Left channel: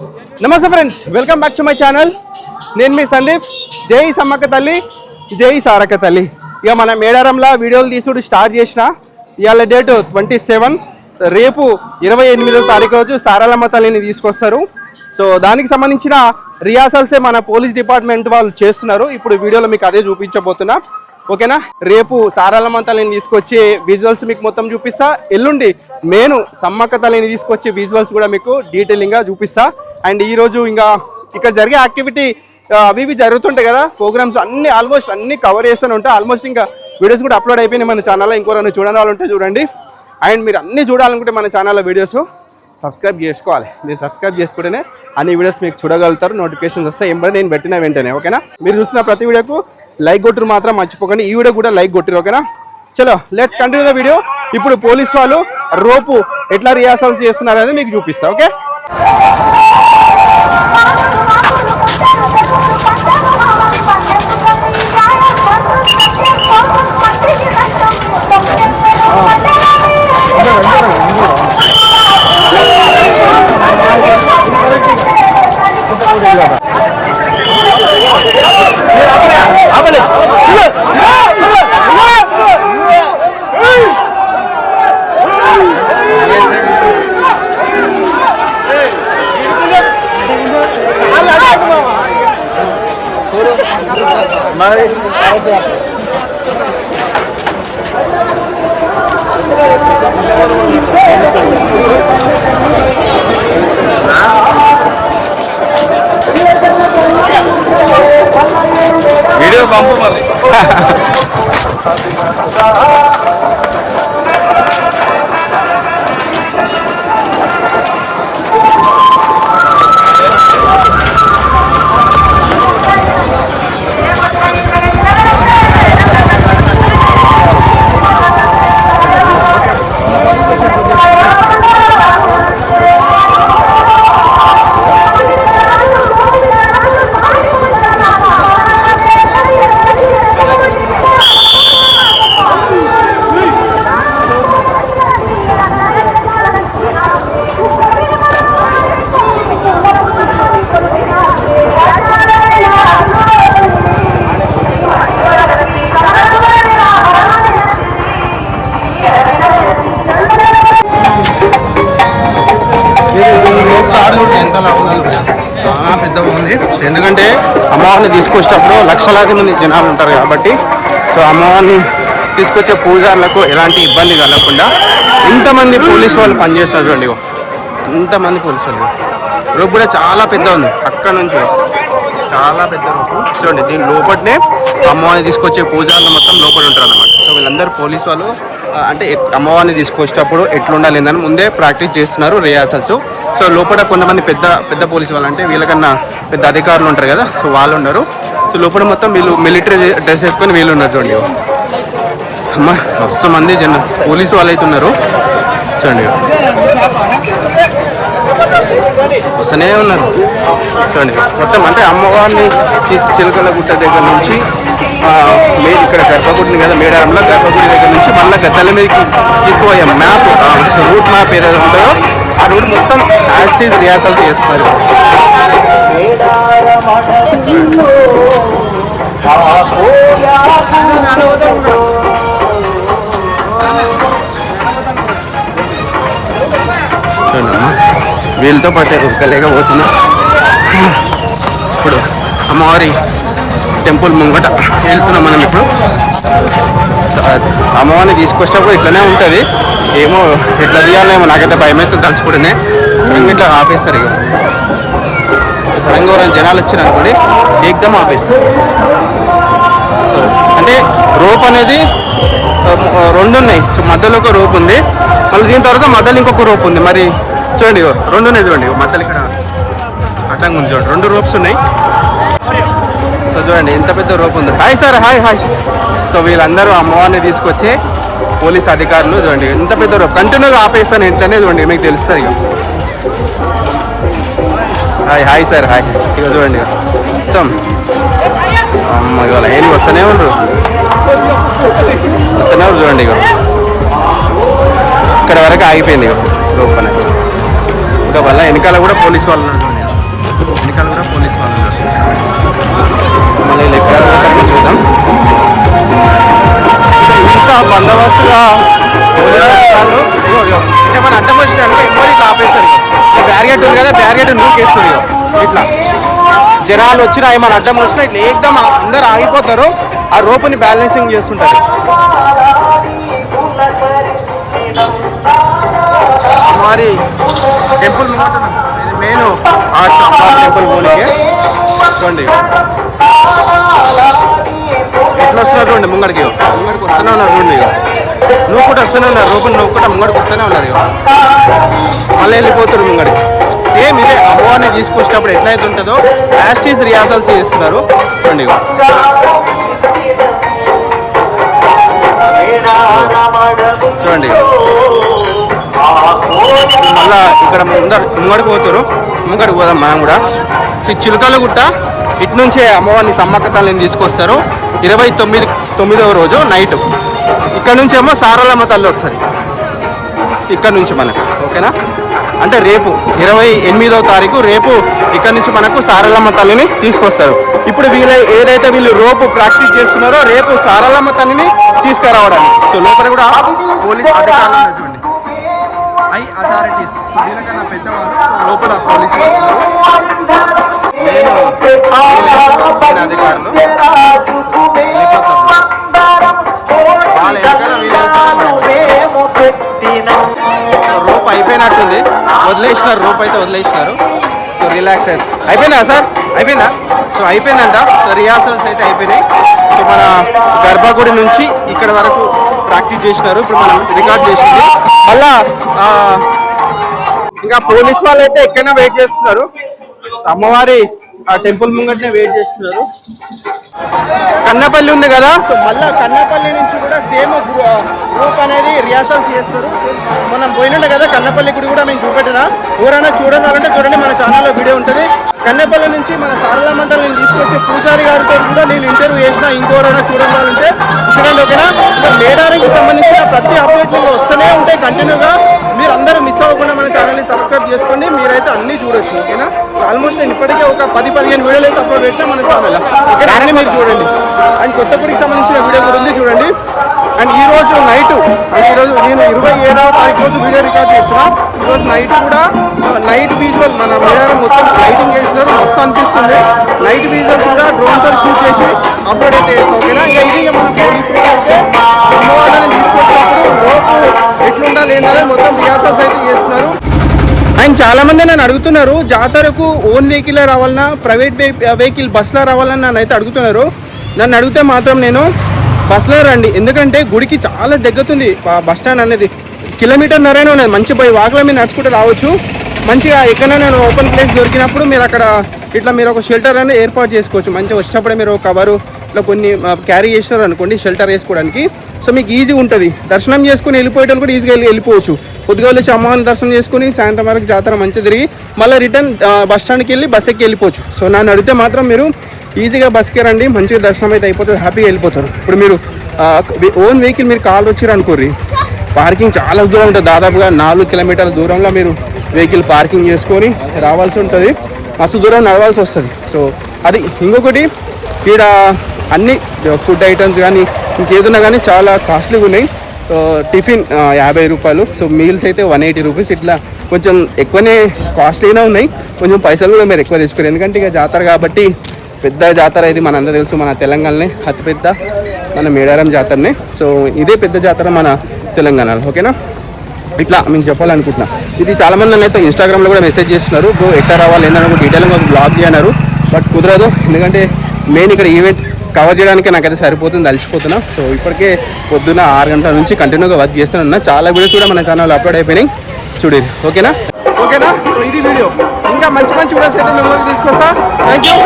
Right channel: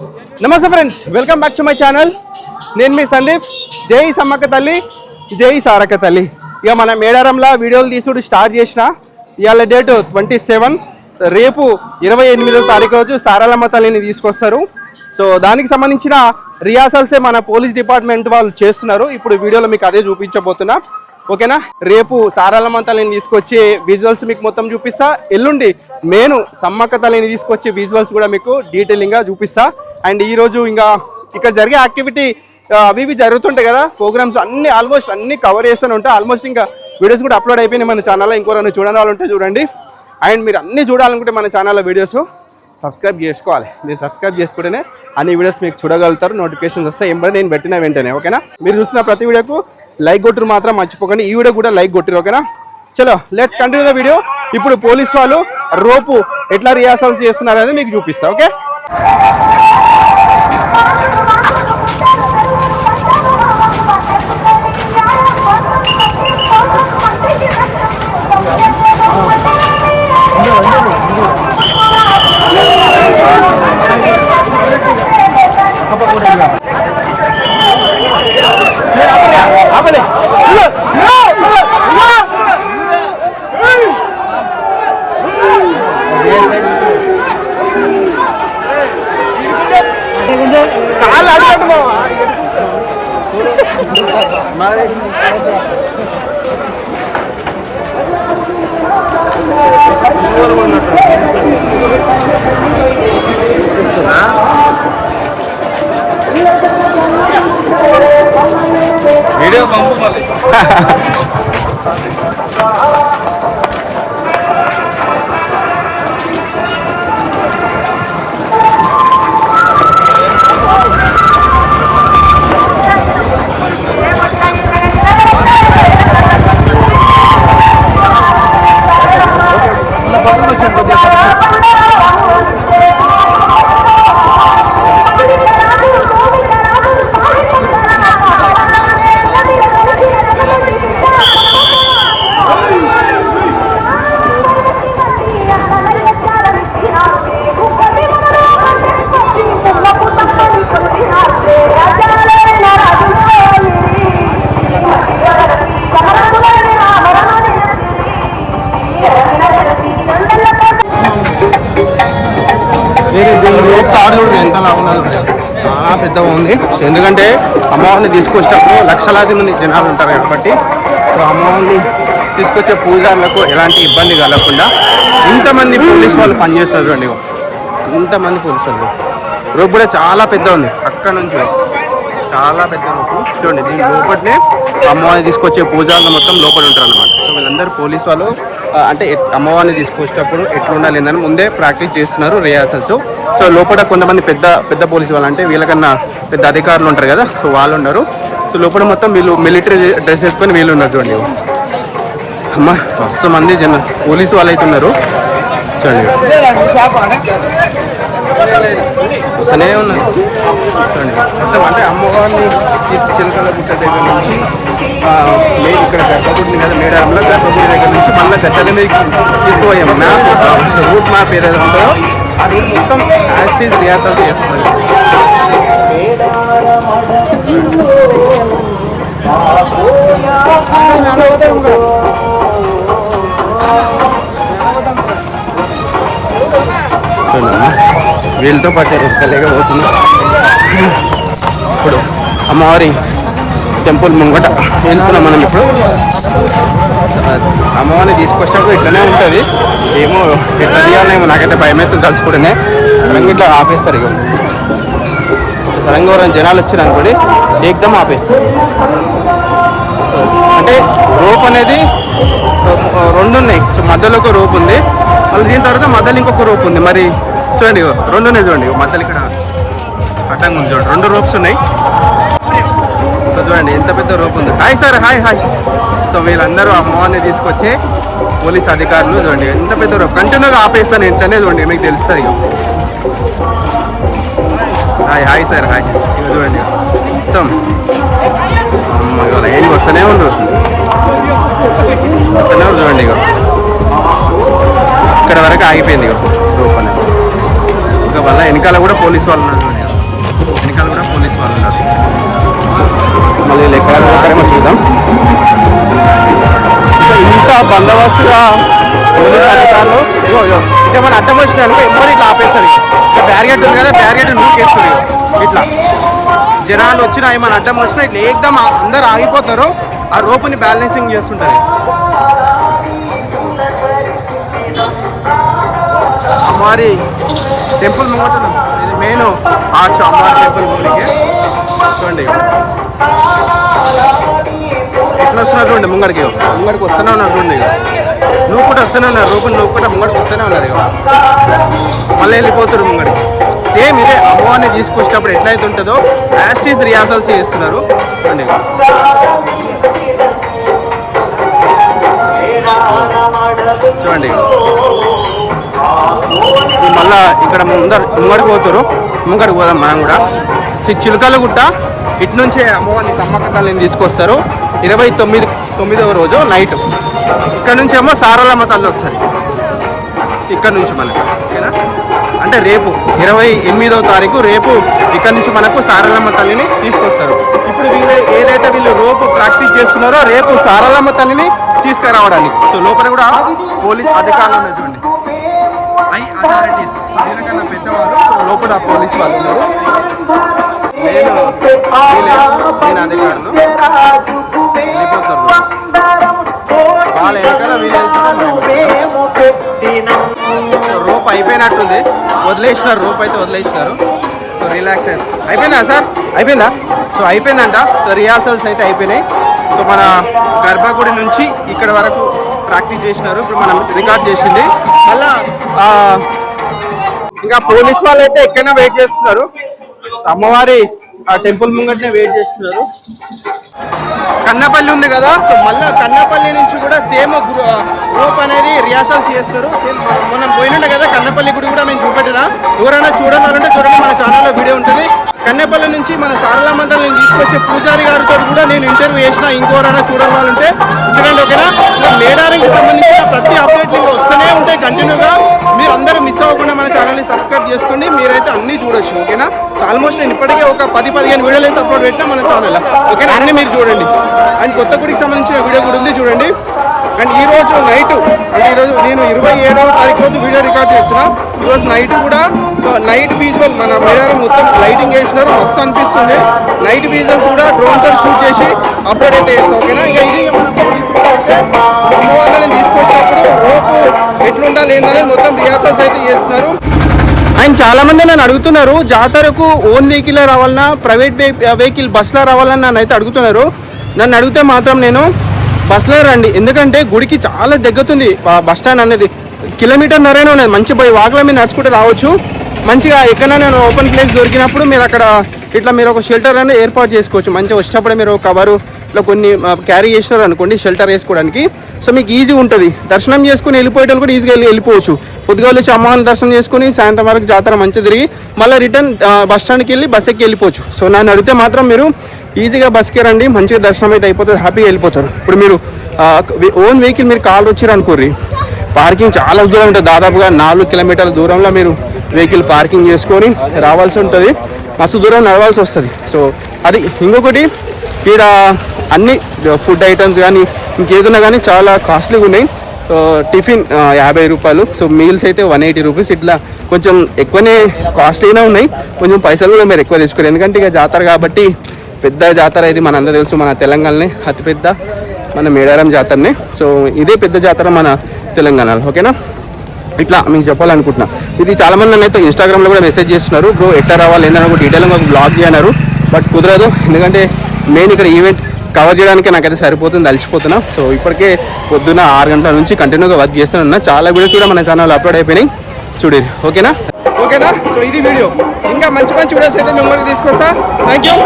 నమస్తే friends welcome back to my channel. నేను మీ సందీప్. జై సమ్మక్క తల్లి జై సారక్క తల్లి. ఇక మన మేడారంలో వీడియోలు తీసుడు స్టార్ట్ చేసిన. ఇవాళ డేటు ట్వంటీ సెవెన్ రేపు ఇరవై ఎనిమిదో తారీఖు రోజు సారాలమ్మ తల్లిని తీసుకొస్తారు. సో దానికి సంబంధించిన రిహార్సల్సే మన పోలీస్ డిపార్ట్మెంట్ వాళ్ళు చేస్తున్నారు. ఇప్పుడు వీడియోలో మీకు అదే చూపించబోతున్నా. ఓకేనా? రేపు సారాలమ్మ తల్లిని తీసుకొచ్చి విజువల్స్ మీకు మొత్తం చూపిస్తా. ఎల్లుండి నేను సమ్మక్క తల్లిని తీసుకొచ్చి విజువల్స్ కూడా మీకు డీటెయిలింగ్గా చూపిస్తా. అండ్ ఈరోజు ఇంకా ఇక్కడ జరిగే యాక్టివిటీ అవి ఇవి జరుగుతుంటాయి కదా. ప్రోగ్రామ్స్ అన్ని ఆల్మోస్ట్ అన్ని కవర్ చేస్తూనే ఉంటాయి. ఆల్మోస్ట్ ఇంకా వీడియోస్ కూడా అప్లోడ్ అయిపోయినాయి మన ఛానల్లో ఇంకోరైనా చూడని వాళ్ళు ఉంటే చూడండి. అండ్ మీరు అన్నీ చూడాలనుకుంటే మన ఛానల్లో వీడియోస్ సబ్స్క్రైబ్ చేసుకోవాలి. మీరు సబ్స్క్రైబ్ చేసుకుంటేనే అన్ని వీడియోస్ మీకు చూడగలుగుతారు. నోటిఫికేషన్స్ వస్తాయి. ఏం నేను పెట్టిన వెంటనే. ఓకేనా? మీరు చూసిన ప్రతి వీడియోకు లైక్ కొట్టురు మాత్రం మర్చిపోకండి. ఈ వీడియో కూడా లైక్ కొట్టిరు ఓకేనా? చలో లెట్స్ కంటిన్యూ ద వీడియో ఇప్పుడు పోలీస్ వాళ్ళు రోపు ఎట్లా రిహార్సల్స్ చేస్తున్నారు అనేది మీకు చూపిస్తా ఓకే? వీడియో పంపు మళ్ళీ తాడు చూడు ఎంత లావున్నది చాలా పెద్దగా ఉంది. ఎందుకంటే అమ్మవారిని తీసుకొచ్చేటప్పుడు లక్షలాది మంది జనాలు ఉంటారు కాబట్టి సో అమ్మవారిని తీసుకొచ్చే పూజారులకు ఎలాంటి ఇబ్బంది కలగకుండా ఇంతమంది పోలీస్ వాళ్ళు పనిచేస్తారు చూడండి ఇగో. అంతమంది పోలీస్ వాళ్ళు రోప్ కూడా చాలా పెద్ద ఉంది. అక్కడ నుంచి చాలా పెద్ద రూపు. చూడండి దీని లోపలనే అమ్మవారిని తీసుకొచ్చే పూజారులు మొత్తం లోపల ఉంటారు అన్నమాట సో వీళ్ళందరూ పోలీస్ వాళ్ళు అంటే ఎట్- అమ్మవారిని తీసుకొచ్చేటప్పుడు ఎట్లుండాలి అని ముందే ప్రాక్టీస్ చేస్తున్నారు రిహార్సల్స్ సో లోపల కొంతమంది పెద్ద పెద్ద పోలీస్ వాళ్ళు అంటే వీళ్ళకన్నా పెద్ద అధికారులు ఉంటారు కదా సో వాళ్ళు ఉన్నారు. సో లోపల మొత్తం వీళ్ళు మిలిటరీ డ్రెస్ వేసుకొని వీళ్ళు ఉన్నారు చూడండి. అమ్మ మస్తు మంది జన పోలీసు వాళ్ళు అయితే ఉన్నారు. చూడండి. వస్తూనే ఉన్నారు చూడండి మొత్తం అంటే అమ్మవారిని చిలకల గుట్ట దగ్గర నుంచి మే ఇక్కడ గర్భగుడిని కదా మేడారంలో గర్భగుడి దగ్గర నుంచి మళ్ళీ గద్దెల మీదకి తీసుకుపోయాం మ్యాప్ రూట్ మ్యాప్ ఏదైతే ఉంటుందో ఆ రూట్ మొత్తం యాస్టీజ్ రిహార్సల్స్ చేస్తున్నారు ఇప్పుడు. వీళ్ళతో పాటు ఉరకలేకపోతున్నా. ఇప్పుడు అమ్మవారి టెంపుల్ ముంగట వెళ్తున్నాం మనం ఇప్పుడు. అమ్మవారిని తీసుకొచ్చినప్పుడు ఇట్లనే ఉంటుంది. ఏమో ఎట్లా తీయాలనేమో నాకైతే భయం అవుతుంది తలుచుకుంటేనే. సడన్గా ఇట్లా ఆపేస్తారు ఇక సడన్గా ఎవరైనా జనాలు వచ్చారు అనుకోండి ఏకదమ్ ఆపేస్తారు. సో అంటే రోప్ అనేది రెండు ఉన్నాయి సో మధ్యలో ఒక రోప్ ఉంది. మళ్ళీ దీని తర్వాత మధ్యలో ఇంకొక రోప్ ఉంది. మరి చూడండి రెండు ఉన్నాయి చూడండి మధ్యలో ఇక్కడ అడ్డంగా ఉంది చూడండి. రెండు రోప్స్ ఉన్నాయి. సో చూడండి ఎంత పెద్ద రోప్ ఉంది. Hi sir hi hi so వీళ్ళందరూ అమ్మవారిని తీసుకొచ్చే పోలీస్ అధికారులు చూడండి ఎంత పెద్ద రోప్ కంటిన్యూగా ఆపేస్తాను ఇంట్లోనే చూడండి మీకు తెలుస్తుంది ఇక హాయ్ హాయ్ సార్ హాయ్ ఇక చూడండి మొత్తం. అమ్మ ఇవాళ ఏంటి వస్తూనే ఉండరు? వస్తూనే ఉండరు చూడండి ఇక ఇక్కడ వరకు ఆగిపోయింది ఇక రూపనే ఇంకా వల్ల వెనకాల కూడా పోలీస్ వాళ్ళు ఉన్నారు వెనకాల కూడా పోలీస్ వాళ్ళు ఉన్నారు. మళ్ళీ వీళ్ళు ఎక్కడ పోతారేమో చూద్దాం. సో ఇంత బందోబస్తుగా పోలీస్ అధికారులు ఇగో ఇట్లా మన అడ్డం వచ్చిన అనుకో ఎమ్మడి ఇట్లా ఆపేస్తారు ఇక ఇట్లా బ్యారిగేట్ ఉంది కదా బ్యారిగేట్ నూకేస్తారు ఇట్లా. జనాలు వచ్చినా ఏమైనా అడ్డం వచ్చినా ఇట్లా ఏకదం అందరు ఆగిపోతారు. ఆ రోపుని బ్యాలెన్సింగ్ చేస్తుంటారు. అమ్మవారి టెంపుల్ ముంగట ఇది మెయిన్ ఆర్ట్స్ అమ్మవారి టెంపుల్ పోనీకే చూడండి ఎట్లా వస్తున్నారు చూడండి ముంగడికి ముంగడికి వస్తూనే ఉన్నారు చూడండి ఇగో. నువ్వు కూడా వస్తూనే ఉన్నారు. రూపం నువ్వు కూడా ముంగడికి వస్తూనే ఉన్నారు ఇగో. మళ్ళీ వెళ్ళిపోతున్నారు ముంగడికి. సేమ్ ఇదే అమ్మవారిని తీసుకొచ్చేటప్పుడు ఎట్లయితే ఉంటుందో యాస్టీస్ రిహార్సల్స్ చేస్తున్నారు. చూడండి చూడండి మళ్ళా ఇక్కడ ముందర ముంగడికి పోతారు ముంగడికి పోదాం మనం కూడా. ఈ చిలుకల గుట్ట ఇటు నుంచే అమ్మవారిని సమ్మక్క తల్లిని తీసుకొస్తారు. ఇరవై తొమ్మిది తొమ్మిదవ రోజు నైట్ ఇక్కడ నుంచేమో సారలమ్మ తల్లి వస్తుంది. ఇక్కడ నుంచి మనకు. ఓకేనా? అంటే రేపు ఇరవై ఎనిమిదవ తారీఖు రేపు ఇక్కడ నుంచి మనకు సారలమ్మ తల్లిని తీసుకొస్తారు. ఇప్పుడు వీళ్ళు ఏదైతే వీళ్ళు రోపు ప్రాక్టీస్ చేస్తున్నారో రేపు సారలమ్మ తల్లిని తీసుకురావడానికి. సో లోపల కూడా పోలీస్ అధికారులు ఉన్నారు చూడండి. I authorities. సో దీనికన్నా పెద్దవాళ్ళు సో లోపల పోలీస్ వాళ్ళు ఉన్నారు. నేను నేను అధికారులు వెళ్ళిపోతారు వాళ్ళ వెనకాల వీళ్ళు వెళ్తారో మరి సో రోప్ అయిపోయినట్టుంది. వదిలేసినారు రోప్ అయితే వదిలేసినారు. సో రిలాక్స్ అయితే అయిపోయిందా సార్? అయిపోయిందా? సో అయిపోయిందంట. సో రిహార్సల్స్ అయితే అయిపోయినాయి. సో మన గర్భగుడి నుంచి ఇక్కడ వరకు ప్రాక్టీస్ చేసినారు. ఇప్పుడు మనం రికార్డ్ చేసింది. మళ్ళా ఇంకా పోలీస్ వాళ్ళు అయితే ఎక్కడైనా వెయిట్ చేస్తున్నారు. అమ్మవారి ఆ టెంపుల్ ముంగట్నే వెయిట్ చేస్తున్నారు. కన్నపల్లి ఉంది కదా సో మళ్ళా కన్నపల్లి నుంచి కూడా సేమ్ గ్రూప్ అనేది రిహార్సల్స్ చేస్తారు. సేమ్ మనం మనం కదా కన్నపల్లి గుడి కూడా మేము చూపెట్టినా ఎవరైనా చూడాలంటే చూడండి మన ఛానల్లో వీడియో ఉంటుంది. కన్నపల్లి నుంచి మన సారలా నేను తీసుకొచ్చే పూజారి గారితో కూడా నేను ఇంటర్వ్యూ చేసిన ఇంకోరైనా చూడని వాళ్ళు ఉంటే చూడండి ఓకేనా? ఇంకా మేడారంకి సంబంధించిన ప్రతి అప్డేట్ ఇంకా వస్తూనే ఉంటాయి కంటిన్యూగా మీరు అందరూ మిస్ అవ్వకుండా మన ఛానల్ని సబ్స్క్రైబ్ చేసుకోండి. మీరైతే అన్ని చూడొచ్చు ఓకేనా? సో ఆల్మోస్ట్ నేను ఇప్పటికే ఒక పది పదిహేను వీడియోలు అయితే అప్లోడ్ పెట్టినా మన ఛానల్ ఓకేనా? అన్నీ మీరు చూడండి. అండ్ కొత్త గుడికి సంబంధించిన వీడియో కూడా ఉంది చూడండి. అండ్ ఈరోజు నైట్ అంటే ఈరోజు నేను ఇరవై ఏడవ తారీఖు రోజు వీడియో రికార్డ్ చేస్తున్నా. ఈరోజు నైట్ కూడా నైట్ విజువల్ మన మేడారం మొత్తం లైటింగ్ వేసినారు మస్తు అనిపిస్తుంది. నైట్ విజువల్స్ కూడా డ్రోన్తో షూట్ చేసి అప్లోడ్ అయితే చేస్తాం ఓకేనా? ఇంకా ఇది అమ్మవారిని తీసుకొచ్చినప్పుడు రోపు ఎట్లుండాలి ఏందనేది మొత్తం రిహార్సల్స్ అయితే చేస్తున్నారు. అండ్ చాలామంది నన్ను అడుగుతున్నారు జాతరకు ఓన్ వెహికల్ రావాలన్నా ప్రైవేట్ వెహికల్ బస్సులో రావాలని నన్ను అయితే అడుగుతున్నారు. నన్ను అడిగితే మాత్రం నేను బస్లో రండి. ఎందుకంటే గుడికి చాలా దగ్గరుంది బస్ స్టాండ్ అనేది. కిలోమీటర్ నరైనా ఉన్నది మంచి పోయి వాకలో మీద నడుచుకుంటే రావచ్చు. మంచిగా ఎక్కడైనా నేను ఓపెన్ ప్లేస్ దొరికినప్పుడు మీరు అక్కడ ఇట్లా మీరు ఒక షెల్టర్ అనేది ఏర్పాటు చేసుకోవచ్చు. మంచిగా వచ్చినప్పుడే మీరు కవరు ఇట్లా కొన్ని క్యారీ చేసినారు అనుకోండి షెల్టర్ వేసుకోవడానికి. సో మీకు ఈజీ ఉంటుంది. దర్శనం చేసుకుని వెళ్ళిపోయేటప్పుడు కూడా ఈజీగా వెళ్ళి వెళ్ళిపోవచ్చు. పొద్దుగా వచ్చి అమ్మవారిని దర్శనం చేసుకుని సాయంత్రం వరకు జాతర మంచిగా తిరిగి మళ్ళీ రిటర్న్ బస్ స్టాండ్కి వెళ్ళి బస్ ఎక్కి వెళ్ళిపోవచ్చు. సో నన్ను అడిగితే మాత్రం మీరు ఈజీగా బస్కి రండి మంచిగా దర్శనం అయితే అయిపోతుంది హ్యాపీగా వెళ్ళిపోతారు. ఇప్పుడు మీరు ఓన్ వెహికల్ మీరు కాల్ వచ్చారు అనుకోర్రి. పార్కింగ్ చాలా దూరం ఉంటుంది. దాదాపుగా నాలుగు కిలోమీటర్ల దూరంలో మీరు వెహికల్ పార్కింగ్ చేసుకొని రావాల్సి ఉంటుంది. మస్తు దూరం నడవాల్సి వస్తుంది. సో అది ఇంకొకటి ఇక్కడ అన్ని ఫుడ్ ఐటమ్స్ కానీ ఇంకేదన్నా కానీ చాలా కాస్ట్లీగా ఉన్నాయి సో టిఫిన్ యాభై రూపాయలు. సో మీల్స్ అయితే వన్ ఎయిటీ రూపీస్. ఇట్లా కొంచెం ఎక్కువనే కాస్ట్లీనే ఉన్నాయి. కొంచెం పైసలు కూడా మీరు ఎక్కువ తీసుకోరు. ఎందుకంటే ఇక జాతర కాబట్టి పెద్ద జాతర ఇది మనందరూ తెలుసు. మన తెలంగాణనే అతిపెద్ద మన మేడారం జాతరనే. సో ఇదే పెద్ద జాతర మన తెలంగాణలో. ఓకేనా? ఇట్లా మీకు చెప్పాలనుకుంటున్నా. ఇది చాలా మంది నన్ను అయితే ఇన్స్టాగ్రామ్లో కూడా మెసేజ్ చేస్తున్నారు. బ్రో ఎక్కడ రావాలి? ఏందని కూడా డీటెయిల్గా ఒక బ్లాగ్ చేయన్నారు. బట్ కుదరదు. ఎందుకంటే మెయిన్ ఇక్కడ ఈవెంట్ కవర్ చేయడానికి నాకైతే సరిపోతుంది అలసిపోతున్నా సో ఇప్పటికే పొద్దున్న ఆరు గంటల నుంచి కంటిన్యూగా వర్క్ చేస్తున్నా చాలా వీడియోస్ కూడా మన ఛానల్ అప్లోడ్ అయిపోయినాయి. చూడేది ఓకేనా ఓకేనా సో ఇది వీడియో ఇంకా మంచి మంచి వీడియోస్ అయితే మెమరీ తీసుకొస్తా. Thank you